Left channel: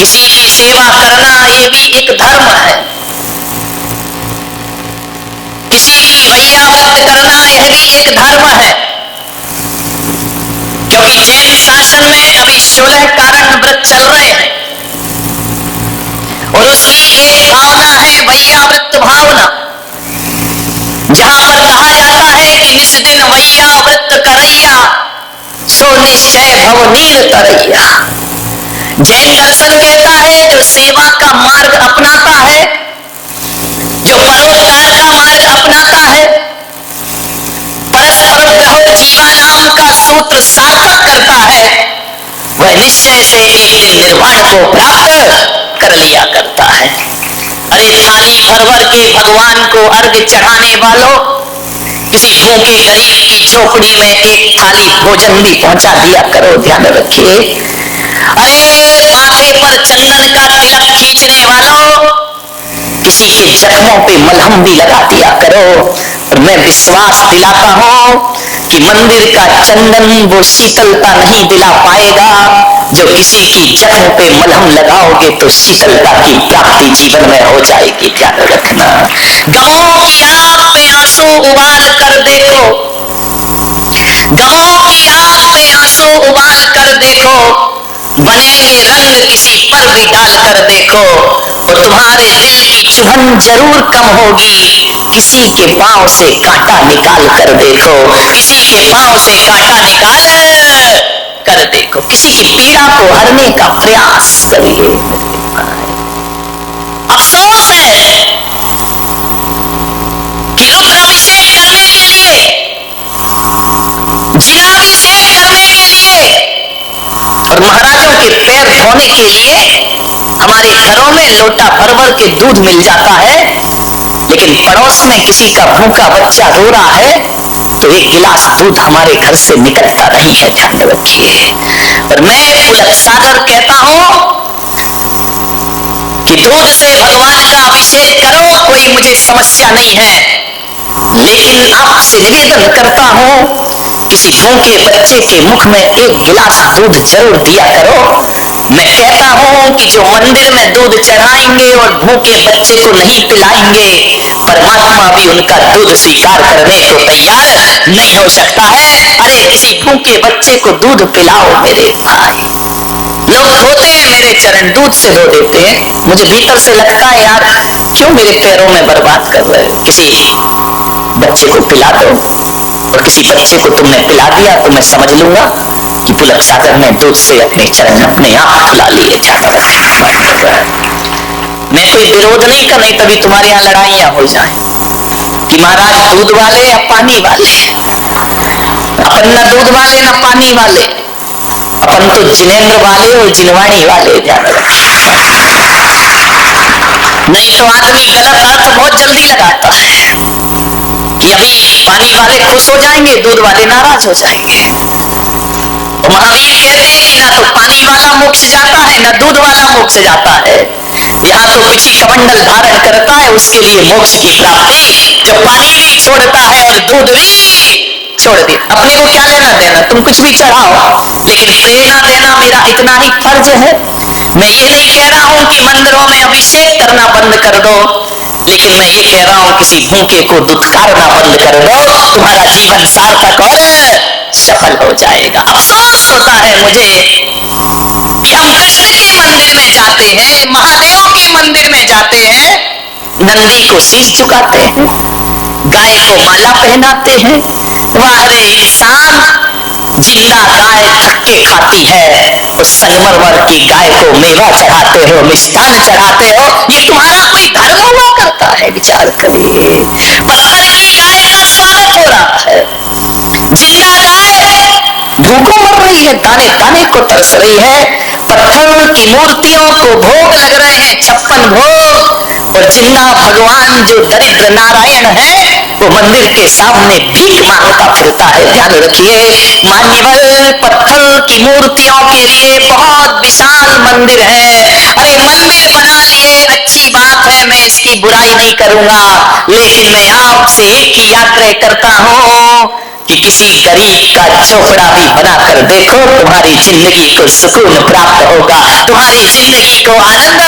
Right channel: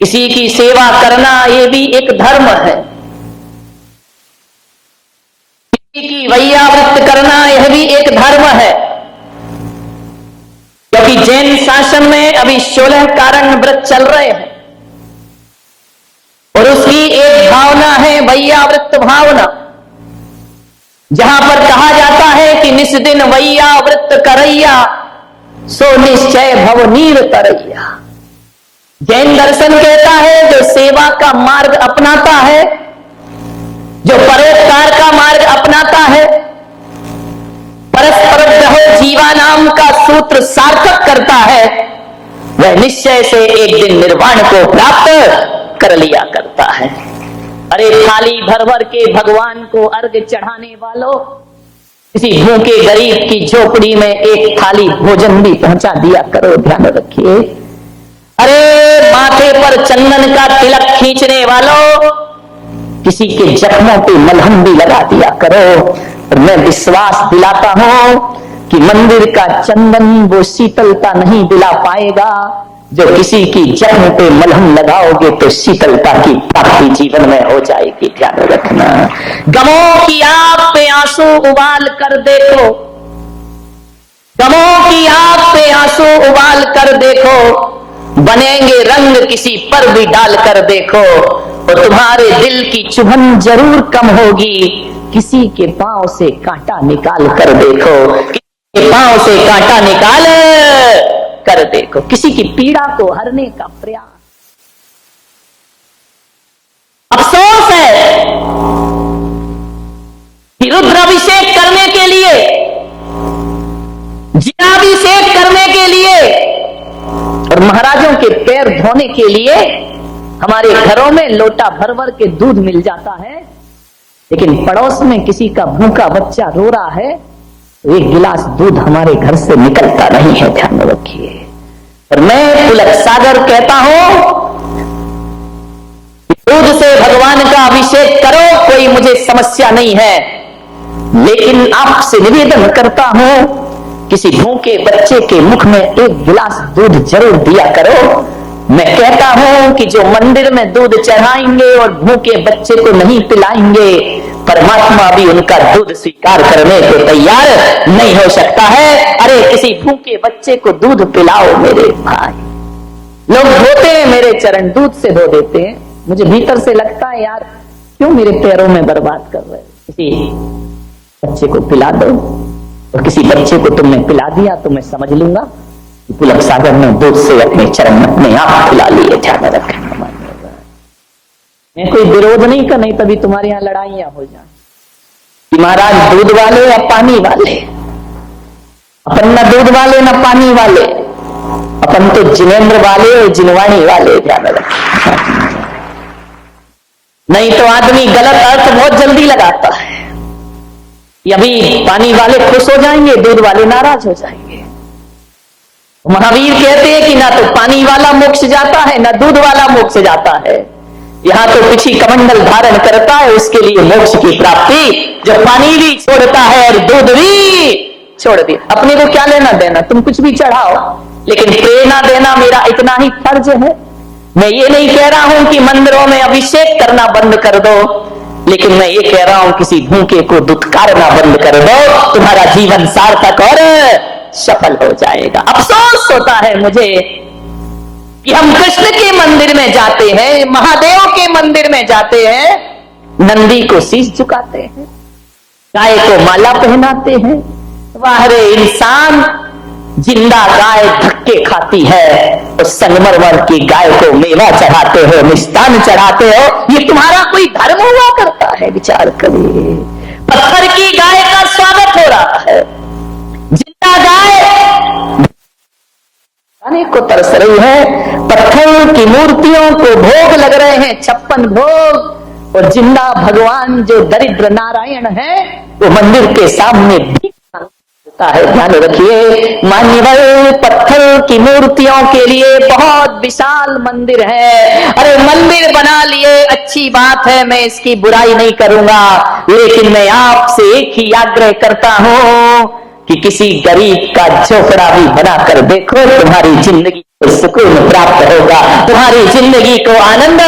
किसी की सेवा करना ये भी एक धर्म है, किसी की वैयावृत्त करना यह भी एक धर्म है। क्योंकि जैन शासन में अभी 16 कारण व्रत चल रहे हैं और उसकी एक भावना है वैयावृत्त भावना, जहां पर कहा जाता है कि निस दिन वैयावृत्त करैया सो निश्चय भव नीर तरैया। जैन दर्शन कहता है जो सेवा का मार्ग अपनाता है, जो परोपकार का मार्ग अपनाता है, परस्पर ग्रहो जीवानाम का सूत्र सार्थक करता है, वह निश्चय से एक दिन निर्वाण को प्राप्त कर लिया करता है। अरे थाली भर भर के भगवान को अर्घ चढ़ाने वालों, किसी भूखे गरीब की झोपड़ी में एक थाली भोजन भी पहुंचा दिया करो, ध्यान रखिए। अरे माथे पर चंदन का तिलक खींचने वालों, किसी के जख्मों पे मलहम भी लगा दिया करो। और मैं विश्वास दिलाता हूं कि मंदिर का चंदन वो शीतलता नहीं दिला पाएगा जो किसी की जख्म पे मलहम लगाओगे तो शीतलता की प्राप्ति जीवन में हो जाएगी, ध्यान रखना। गमों की आग पे आंसू उबाल कर देखो, गमों की आग पे आंसू उबाल कर देखो, बनेंगे रंग किसी पर भी डाल कर देखो, और तुम्हारे दिल की चुभन जरूर कम होगी। किसी के पांव से कांटा निकाल कर देखो, किसी के पांव से कांटा निकाल कर देखो, किसी की पीड़ा को हरने का प्रयास करिए। अफसोस है कि रुद्राभिषेक करने के लिए, जिनाभिषेक करने के लिए और महाराजों के पैर धोने के लिए हमारे घरों में लोटा भर भर के दूध मिल जाता है, लेकिन पड़ोस में किसी का भूखा बच्चा रो रहा है तो एक गिलास दूध हमारे घर से निकलता नहीं है, ध्यान रखिए। और मैं पुलक सागर कहता हूं कि दूध से भगवान का अभिषेक करो, कोई मुझे समस्या नहीं है, लेकिन आपसे निवेदन करता हूं किसी भूखे बच्चे के मुख में एक गिलास दूध जरूर दिया करो। मैं कहता हूं कि जो मंदिर में दूध चढ़ाएंगे और भूखे बच्चे को नहीं पिलाएंगे, परमात्मा भी उनका दूध स्वीकार करने को तैयार नहीं हो सकता है। अरे किसी भूखे बच्चे को दूध पिलाओ मेरे भाई। लोग धोते हैं मेरे चरण, दूध से धो देते हैं, मुझे भीतर से लगता है यार क्यों मेरे पैरों में बर्बाद कर रहे हो। किसी बच्चे को पिला दो, और किसी बच्चे को तुमने पिला दिया तो मैं समझ लूंगा कि पुलक सागर ने दूध से अपने चरण अपने आप खुला लिए, ध्यान रखना। मैं कोई विरोध नहीं कर, नहीं तभी तुम्हारे यहां लड़ाइयां हो जाए कि महाराज दूध वाले या पानी वाले। अपन न दूध वाले न पानी वाले, अपन तो जिनेंद्र वाले और जिनवाणी वाले, ध्यान रखना। नहीं तो आदमी गलत अर्थ बहुत जल्दी लगाता है कि अभी पानी वाले खुश हो जाएंगे, दूध वाले नाराज हो जाएंगे। तो महावीर कहते हैं कि ना तो पानी वाला मोक्ष जाता है ना दूध वाला मोक्ष जाता है, यहाँ तो पिछी कमंडल धारण करता है उसके लिए मोक्ष की प्राप्ति, जो पानी भी छोड़ता है और दूध भी छोड़ दे। अपने को क्या लेना देना, तुम कुछ भी चढ़ाओ, लेकिन प्रेरणा देना मेरा इतना ही फर्ज है। मैं ये नहीं कह रहा हूं कि मंदिरों में अभिषेक करना बंद कर दो, लेकिन मैं ये कह रहा हूं किसी भूखे को दुत्कारना बंद कर दो, तुम्हारा जीवन सार्थक और सफल हो जाएगा। अफसोस होता है मुझे कि हम कृष्ण के मंदिर में जाते हैं, महादेव के मंदिर में जाते हैं, नंदी को शीश झुकाते हैं, गाय को माला पहनाते हैं। वाह रे इंसान, जिंदा गाय धक्के खाती है, उस संगमरमर की गाय को मेवा चढ़ाते हो, मिष्ठान चढ़ाते हो, ये तुम्हारा कोई धर्म हुआ करता है? विचार करिए। पत्थर की गाय का स्वागत हो रहा है, जिंदा गाय भूखों मर रही है, ताने ताने को तरस रही है, पत्थर की मूर्तियों को भोग लग रहे हैं, 56 भोग, और जिंदा भगवान जो दरिद्र नारायण है वो मंदिर के सामने भीख मांगता फिरता है। ध्यान रखिए मान्यवर, पत्थर की मूर्तियों के लिए बहुत विशाल मंदिर है। अरे मंदिर बना लिए अच्छी बात है, मैं इसकी बुराई नहीं करूंगा, लेकिन मैं आपसे एक ही आग्रह करता हूं कि किसी गरीब का झोपड़ा भी बनाकर देखो, तुम्हारी जिंदगी को सुकून प्राप्त होगा, तुम्हारी जिंदगी को आनंद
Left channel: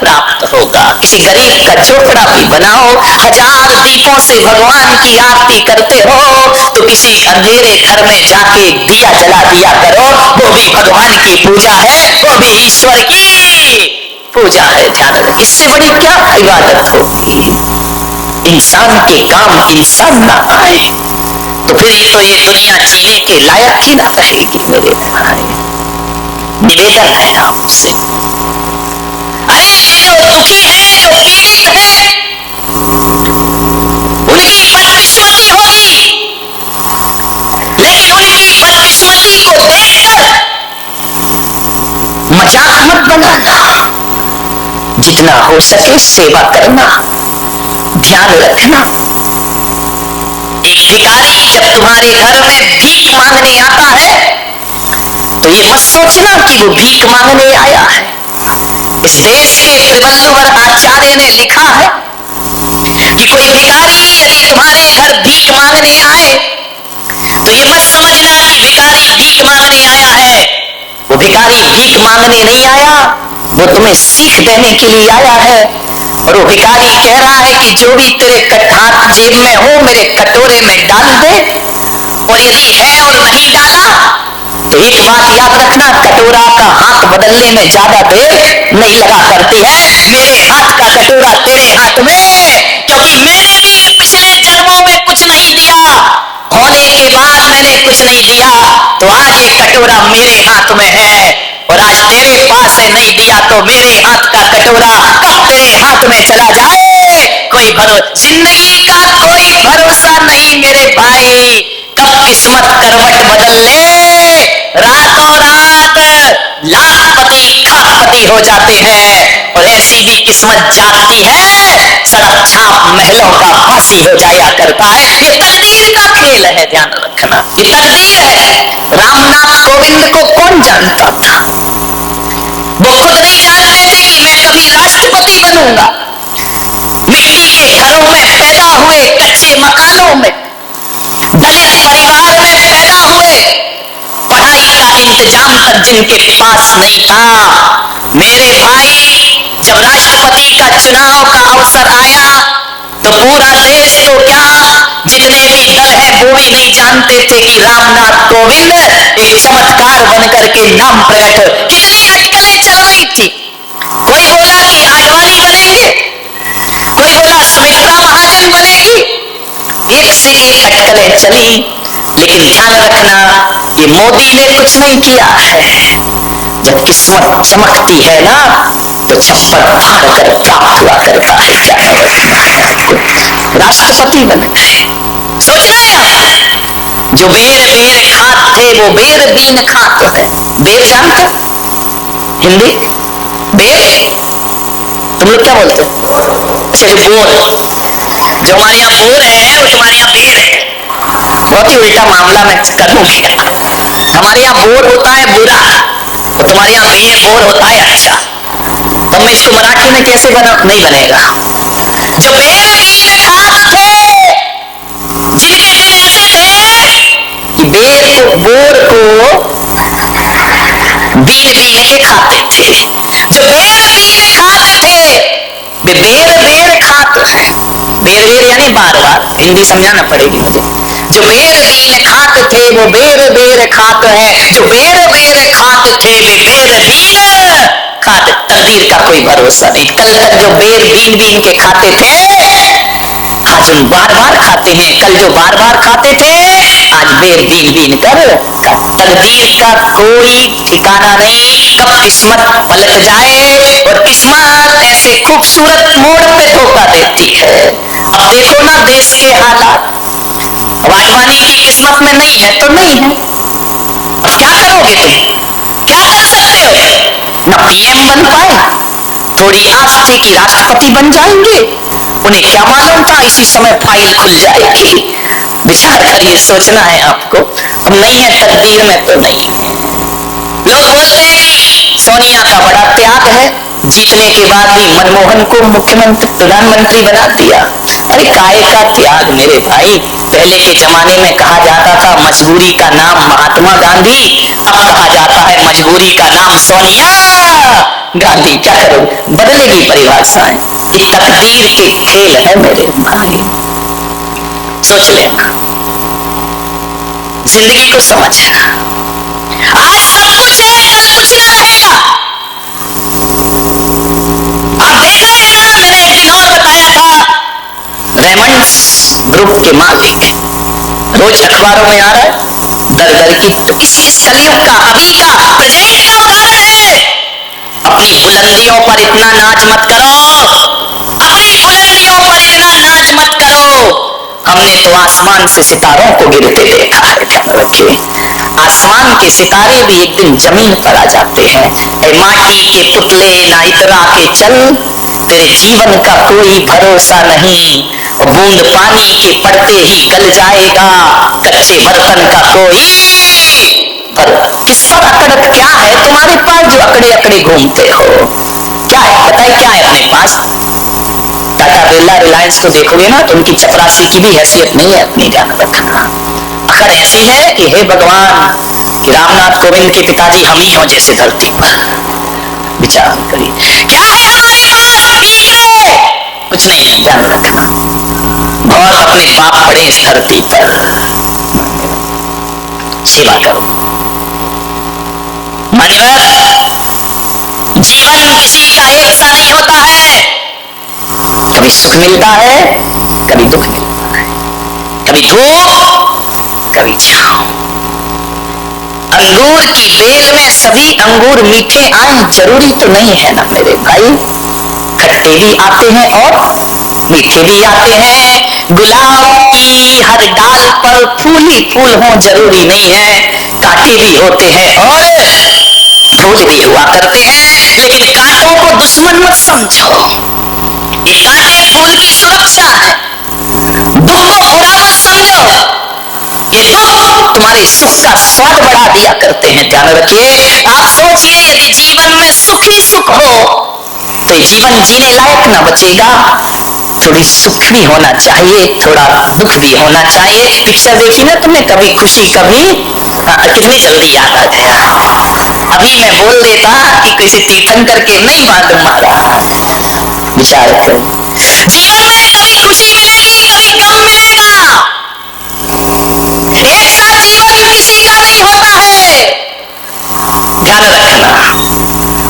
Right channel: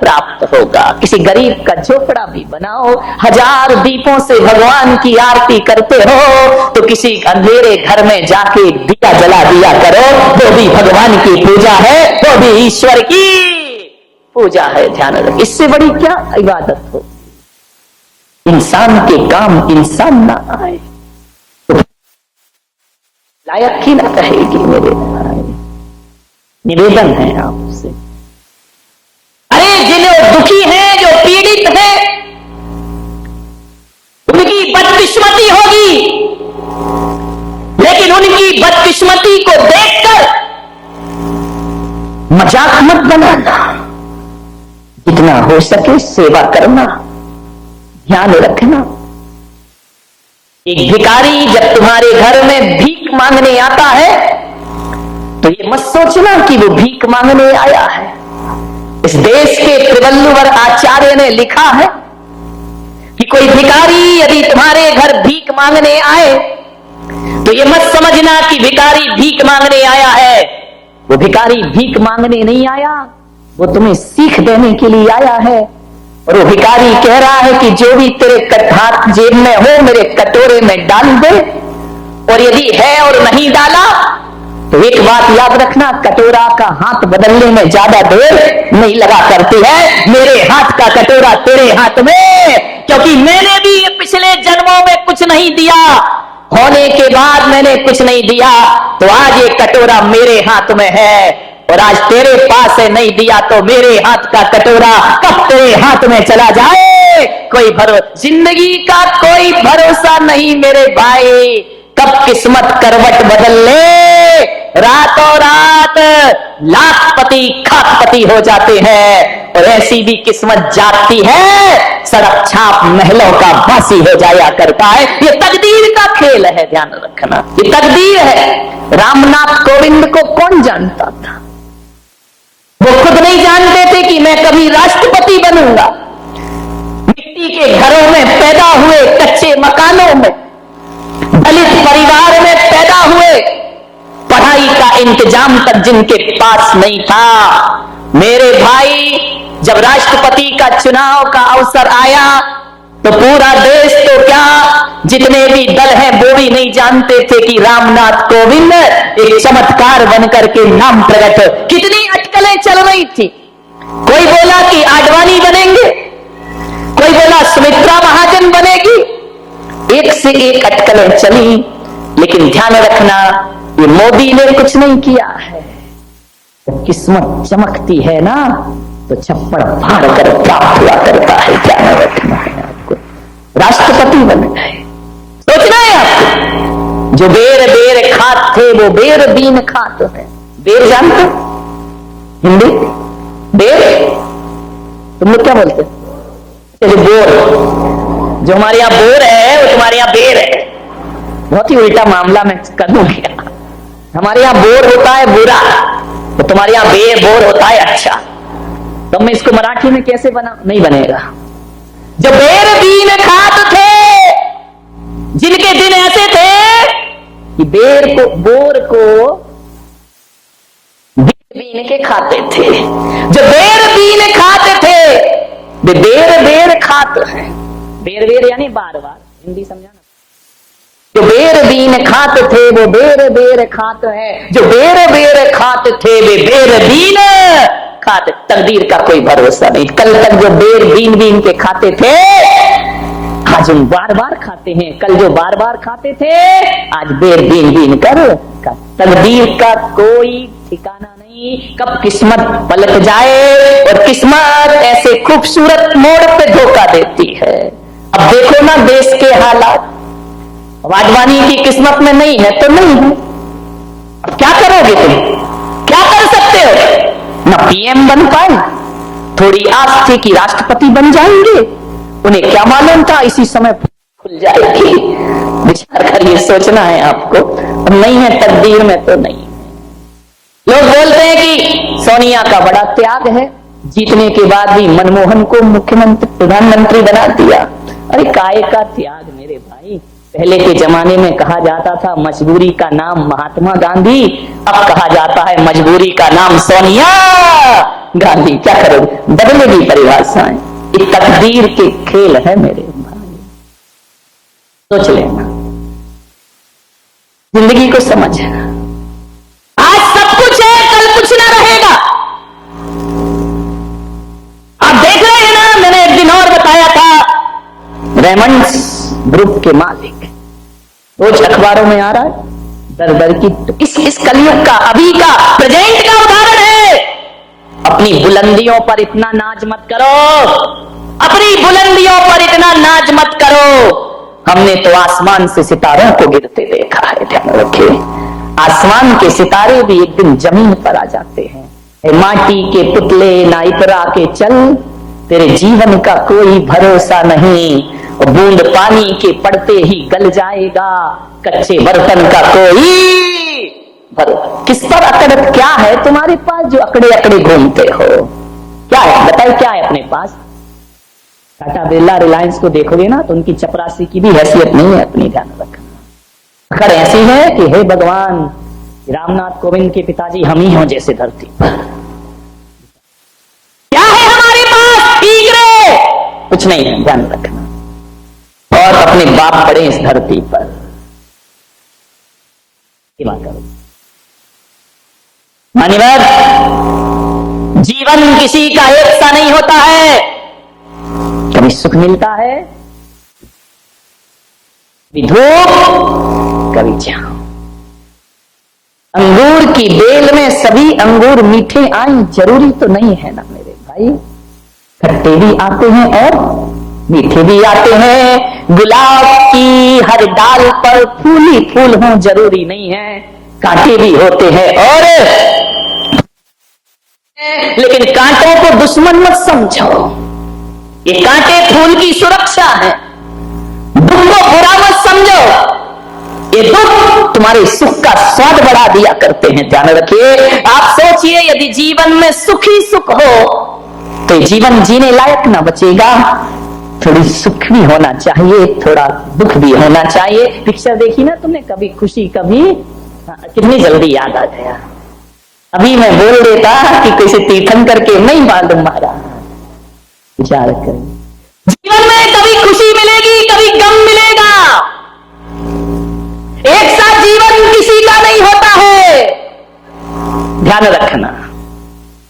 प्राप्त होगा। किसी गरीब का झोपड़ा भी बनाओ, 1000 दीपों से भगवान की आरती करते हो तो किसी अंधेरे घर में जाके दिया जला दिया करो, वो भी भगवान की पूजा है, वो भी ईश्वर की पूजा है। ध्यान रखें, इससे बड़ी क्या इबादत होगी। इंसान के काम इंसान ना आए तो फिर तो ये दुनिया जीने के लायक ही ना रहेगी। मेरे भाई, निवेदन है आपसे, अरे जो दुखी है, जो पीड़ित है, उनकी बदकिस्मती होगी, लेकिन उनकी बदकिस्मती को देखकर मजाक मत बनाना, जितना हो सके सेवा करना, ध्यान रखना। एक भिखारी जब तुम्हारे घर में भीख मांगने आता है तो ये मत सोचना कि वो भीख मांगने आया है। इस देश के त्रिवल्लुवर आचार्य ने लिखा है कि कोई भिखारी यदि तुम्हारे घर भीख मांगने आए तो ये मत समझना कि भिखारी भीख मांगने आया है। वो भिखारी भीख मांगने नहीं आया, वो तुम्हें सीख देने के लिए आया है। और वो भिखारी कह रहा है कि जो भी तेरे हाथ जेब में हो मेरे कटोरे में डाल दे, और यदि है और नहीं डाला तो एक बात याद रखना, कटोरा का हाथ बदलने में ज्यादा देर नहीं लगा करती है। मेरे हाथ का कटोरा तेरे हाथ में, क्योंकि मैंने भी पिछले जन्मों में कुछ नहीं दिया, होने के बाद मैंने कुछ नहीं दिया, तो आज ये कटोरा मेरे हाथ में है। और आज तेरे पास से नहीं दिया तो मेरे हाथ का कटोरा कब तेरे हाथ में चला जाए, कोई भरोसा, जिंदगी का कोई भरोसा नहीं मेरे भाई। कब किस्मत करवट बदल ले, रातों रात लाखपति खाकपति हो जाते हैं, और ऐसी भी किस्मत जागती है, सड़क छाप महलों का वासी हो जाया करता है। ये तकदीर का खेल है, ध्यान रखना, ये तकदीर है। रामनाथ कोविंद को कौन जानता था? वो खुद नहीं जानते थे कि मैं कभी राष्ट्रपति बनूंगा। मिट्टी के घरों में पैदा हुए, कच्चे मकानों में, दलित परिवार में पैदा हुए, पढ़ाई का इंतजाम तक जिनके पास नहीं था, मेरे भाई जब राष्ट्रपति का चुनाव का अवसर आया तो पूरा देश तो क्या, जितने भी दल हैं वो भी नहीं जानते थे कि रामनाथ कोविंद एक चमत्कार बनकर के नाम प्रकट हो। कितनी अटकलें चल रही थी, कोई बोला कि आडवाणी बनेंगे, कोई बोला सुमित्रा महाजन बनेगी, एक से एक अटकलें चली, लेकिन ध्यान रखना ये मोदी ने कुछ नहीं किया है। जब किस्मत चमकती है ना तो छप्पर फाड़ कर प्राप्त हुआ करता है। ध्यान रखना है आपको, राष्ट्रपति बन गए। सोचना है आपको, जो बेर बेर खात थे वो बेर बीन खात है। बेर जानते हो हिंदी? बेर तुम लोग क्या बोलते हो? अच्छा, जो बोर, जो हमारे यहाँ बोर है वो तुम्हारे यहाँ बेर है। बहुत ही उल्टा मामला मैं कर दूंगी। हमारे यहाँ बोर होता है बुरा, तो तुम्हारे यहाँ बोर होता है अच्छा। तो मैं इसको मराठी में कैसे नहीं बनेगा। जो बेर बीन खात थे, जिनके दिन ऐसे थे कि बोर को बीन बीन के खाते थे, जो बेर बीन खाते थे वे बेर खात है। बेर यानी बार बार, हिंदी समझाना पड़ेगी मुझे। जो बेर बीन खात थे वो बेर खात है, जो बेर खात थे वे बेर बीन खात। तकदीर का कोई भरोसा नहीं। कल तक जो बेर बीन के खाते थे आज उन बार बार खाते हैं, कल जो बार बार खाते थे आज बेर बीन कर। तकदीर का कोई ठिकाना नहीं, कब किस्मत पलट जाए। और किस्मत ऐसे खूबसूरत मोड़ पे धोखा देती है। अब देखो ना देश के हालात, आडवाणी की किस्मत में नहीं है तो नहीं है, अब क्या करोगे तुम? क्या कर सकते हो? ना पीएम बन पाए, थोड़ी आस थी कि राष्ट्रपति बन जाएंगे, उन्हें क्या मालूम था इसी समय फाइल खुल जाएगी। विचार करिए, सोचना है आपको। अब नहीं है तकदीर में तो नहीं है। लोग बोलते हैं कि सोनिया का बड़ा त्याग है, जीतने के बाद भी मनमोहन को मुख्यमंत्री प्रधानमंत्री बना दिया। अरे काय का त्याग मेरे भाई। पहले के जमाने में कहा जाता था मजबूरी का नाम महात्मा गांधी, अब कहा जाता है मजबूरी का नाम सोनिया गांधी। क्या करो, बदलेगी परिभाषाएं। ये तकदीर के खेल है मेरे भाई, सोच लेना, जिंदगी को समझना। आज सब कुछ है, कल कुछ ना रहेगा। आप देख रहे हैं ना, मैंने एक दिन और बताया था, रेमंड्स ग्रुप के मालिक, रोज अखबारों में आ रहा है दर दर की। तो इस कलयुग का, अभी का, प्रेजेंट का उदाहरण है। अपनी बुलंदियों पर इतना नाच मत करो, अपनी बुलंदियों पर इतना नाच मत करो। हमने तो आसमान से सितारों को गिरते देखा है, ध्यान रखिए। आसमान के सितारे भी एक दिन जमीन पर आ जाते हैं। ए माटी के पुतले ना इतरा के चल, तेरे जीवन का कोई भरोसा नहीं। बूंद पानी के पड़ते ही गल जाएगा, कच्चे बर्तन का कोई किस पर अकड़ क्या है तुम्हारे पास जो अकड़े अकड़े घूमते हो? क्या है बताइए, क्या है अपने पास? टाटा बिरला रिलायंस को देखोगे ना तो उनकी चपरासी की भी हैसियत नहीं है अपनी, ध्यान रखना। अकड़ ऐसी है कि हे भगवान, कि रामनाथ कोविंद के पिताजी हम ही हों जैसे धरती पर। विचार करिए, क्या है हमारे पास? ठीक है, कुछ नहीं है, ध्यान रखना। बहुत अपने बाप पड़े इस धरती पर, सेवा करो। मान्यवर, जीवन किसी का एक सा नहीं होता है। कभी सुख मिलता है, कभी दुख मिलता है, कभी धूप, कभी छांव। अंगूर की बेल में सभी अंगूर मीठे आए जरूरी तो नहीं है ना मेरे भाई। खट्टे भी आते हैं और मीठे भी आते हैं। गुलाब की हर डाल पर फूल ही फूल हो जरूरी नहीं है। कांटे भी होते हैं और फूल भी हुआ करते हैं। लेकिन कांटों को दुश्मन मत समझो, ये कांटे फूल की सुरक्षा है। दुख को बुरा मत समझो, ये दुख तुम्हारे सुख का स्वाद बढ़ा दिया करते हैं, ध्यान रखिए। आप सोचिए, यदि जीवन में सुख ही सुख हो तो जीवन जीने लायक ना बचेगा। थोड़ी सुख भी होना चाहिए, थोड़ा दुख भी होना चाहिए। पिक्चर देखी ना तुमने, कभी खुशी कभी, कितनी जल्दी याद आ गया। अभी मैं बोल देता कि किसी तीर्थंकर के नहीं मालूम मारा। विचार कर, जीवन में कभी खुशी मिलेगी, कभी गम मिलेगा। एक साथ जीवन किसी का नहीं होता है, ध्यान रखना।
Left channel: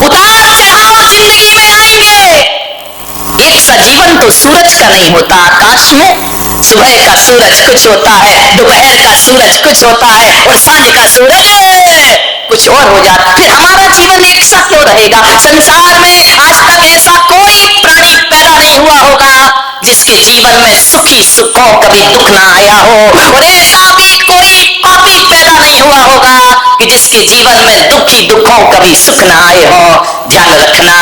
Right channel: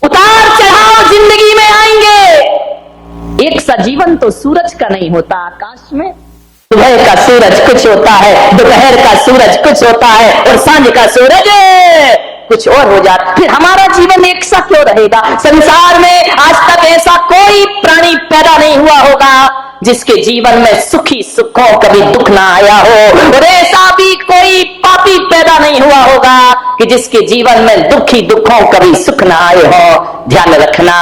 उतार चढ़ाव जिंदगी में आएंगे। एक सा जीवन तो सूरज का नहीं होता। आकाश में सुबह का सूरज कुछ होता है, दोपहर का सूरज कुछ होता है और सांझ का सूरज कुछ और हो जाता। फिर हमारा जीवन एक सा क्यों रहेगा? संसार में आज तक ऐसा कोई प्राणी पैदा नहीं हुआ होगा जिसके जीवन में सुखी सुखों कभी दुख ना आया हो, और ऐसा भी कोई पापी पैदा नहीं हुआ होगा कि जिसके जीवन में दुखी दुखों कभी सुख ना आए हो। ध्यान रखना,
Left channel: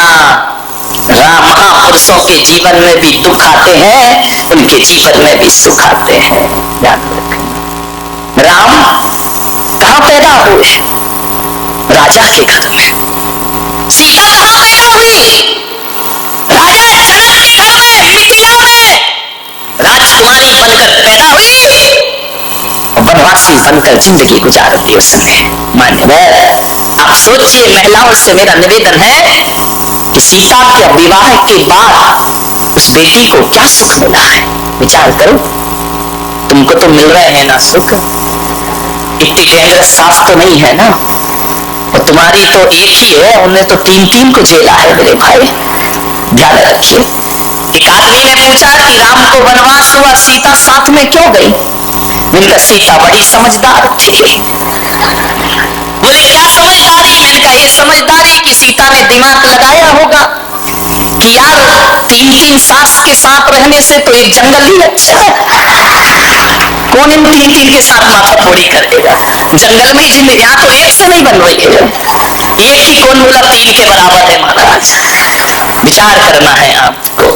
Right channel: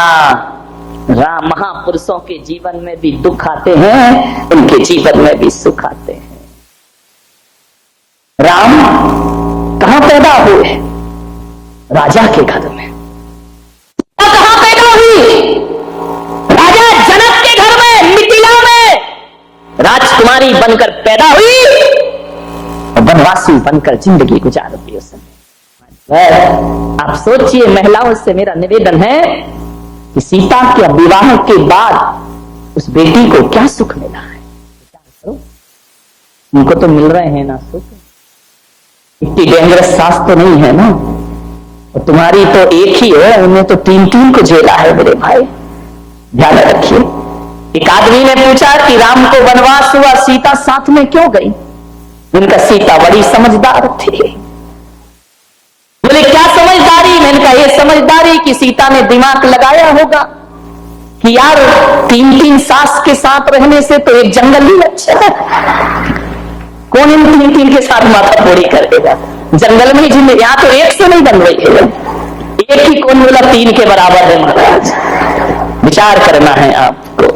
राम महापुरुषों के जीवन में भी दुख आते हैं, उनके जीवन में भी सुख आते हैं, ध्यान रखना। राम कहां पैदा हुए? राजा के घर में। सीता कहां पैदा हुई? राजा जनक के घर में, मिथिला में राजकुमारी बनकर पैदा हुई और वनवासी बनकर जिंदगी गुजार दी उसने। मान्यवर, आप सोचिए, महिलाओं से मेरा निवेदन है कि सीता के विवाह के बाद उस बेटी को क्या सुख मिला है? विचार करो। तुमको तो मिल रहे हैं ना सुख, इतनी डेंजरस सास तो नहीं है ना, और तुम्हारी तो एक ही है, उन्हें तो तीन तीन को झेला है मेरे भाई, ध्यान रखिए। एक आदमी ने पूछा कि राम को वनवास हुआ, सीता साथ में क्यों गई? उनका सीता बड़ी समझदार थी। बोले क्या समझदारी? मैंने कहा ये समझदारी कि सीता ने दिमाग लगाया होगा कि यार तीन तीन सास के साथ रहने से तो एक जंगल ही अच्छा है। कौन इन तीन तीन के साथ माथा फोड़ी करेगा? जंगल में जिंदगी, यहाँ तो एक से नहीं बन रही है, एक ही कौन बोला तीन के बराबर है महाराज। विचार करना है आपको।